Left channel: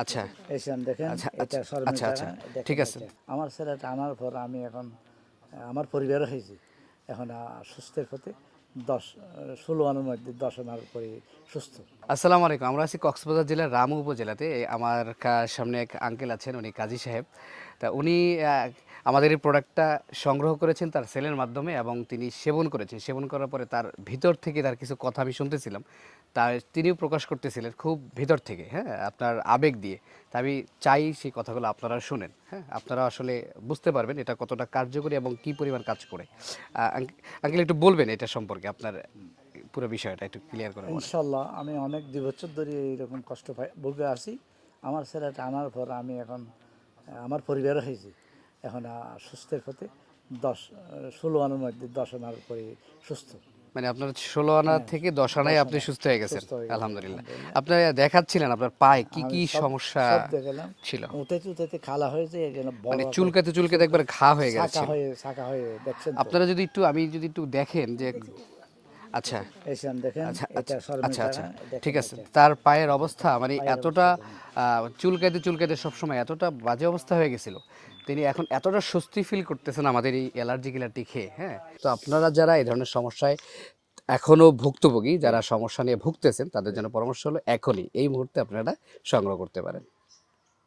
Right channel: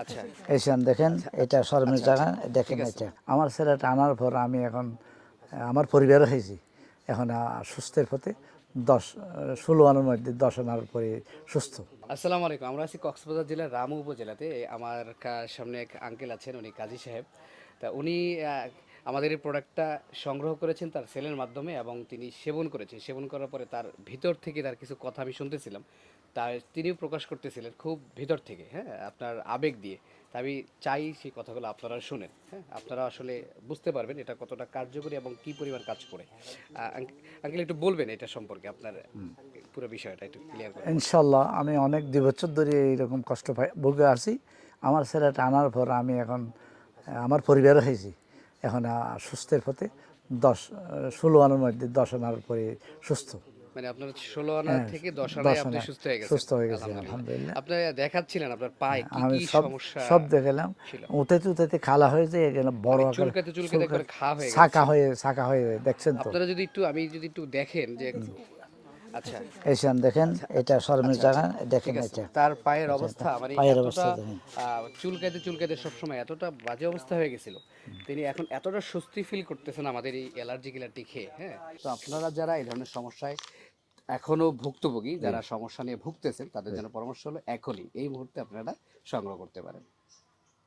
আচ্ছা এসেন দেখেন, এটা শর্মের আচ্ছা, টাকা আচ্ছা, দেখেন। ঠিক আছে। এটা আমার ছেলেটা আনার পর আমি এখন আমার পরিবারও হয়েছি, এখন সুস্থের পথে 16 আনার মধ্যে 10 আনার পরে সুস্থ। আসসালামু আলাইকুম। আমরা আছি কক্সবাজার জেলার রামু উপজেলাতে। আমার সামনে এক আঙ্কেল আছেন, উনি কাজী সাহেব। তা উনি আমাদের এই প্রোডাক্টটা সংগ্রহ করেছেন তার সেলের মাধ্যমে এবং তিনি সেবন করেছেন। সেবন করার পরে তার ভিতর থেকে তার কিছু কথা আমি শুনতেছিলাম। তিনিও প্রকাশ করতেছিলেন খুব ভিতর থেকে, হ্যাঁ, আপনার আবেগ দিয়ে। তা আমি চাই সেই কথাগুলো আপনারা শুনেন, হ্যাঁ, আপনারা আসলে বুঝতে পারবেন এটা কতটা কার্যকরী এবং কী পরিমাণ কাজ করে। আঙ্কেল একটু বলবেন এটা সম্পর্কে, আপনার পুরো বিষয়টা একটু ক্লিয়ার করে বলেন। ইনশাল্লাহ আমি অনেক 2 বছর ধরে এইরকম কষ্ট ভোগে আছি। আমার ছেলেটা আনার পর আমি এখন আমার পরিবারও হয়েছি, এখন সুস্থের পথে 16 আনার মধ্যে 10 আনার পরে সুস্থ। মানে আপনার 16 আনা হ্যাঁ, থেকে 10 আনায় 10 আপনি আনা সুস্থ হয়ে গেছেন। সুস্থ হয়ে গেছি আলহামদুলিল্লাহ। আলহামদুলিল্লাহ। আপনার দেখাচ্ছিলেন আপনার পায়ে কি আমি কি সব সমস্যা সব দেখালাম, ছিল। উঠাতে উঠাতে খালা হয়ে যায়, এখানে বড় মানে আকার চুলকাতে চুলকাতে চুলকা একবার ঘা হয়ে ছাকা গেছিল। হয়ে ছাকা হয়ে দেখছেন তো। আপনারা যদি একটু আমি যদি একটু দেখেন যে আচ্ছা এসেন দেখেন, আচ্ছা এটা আচ্ছা শর্মের আচ্ছা টাকা আচ্ছা ঠিক দেখেন। আছে। এটা তার পায়ের এটা অবস্থা মানে পায়ের এতটা অবস্থা দেখেন। চুলকাতে চুলকাতে সবসময় এতটা বাজে অবস্থা হয়ে গেছিল, তিনি এখন এতটা স্বস্তি ফিল করতেছেন আমাদের এই অ্যালার্জি গিলারটি খেয়ে, হ্যাঁ। তো আপনারা যারা এই ধরনের সমস্যায় এখনো ভুক্তভোগী, যারা সমস্যা নিয়ে ভুগতেছেন, তাদের জন্য পরামর্শ হলো এখনই এই মুহূর্তে আপনারা সংগ্রহ করতে পারেন।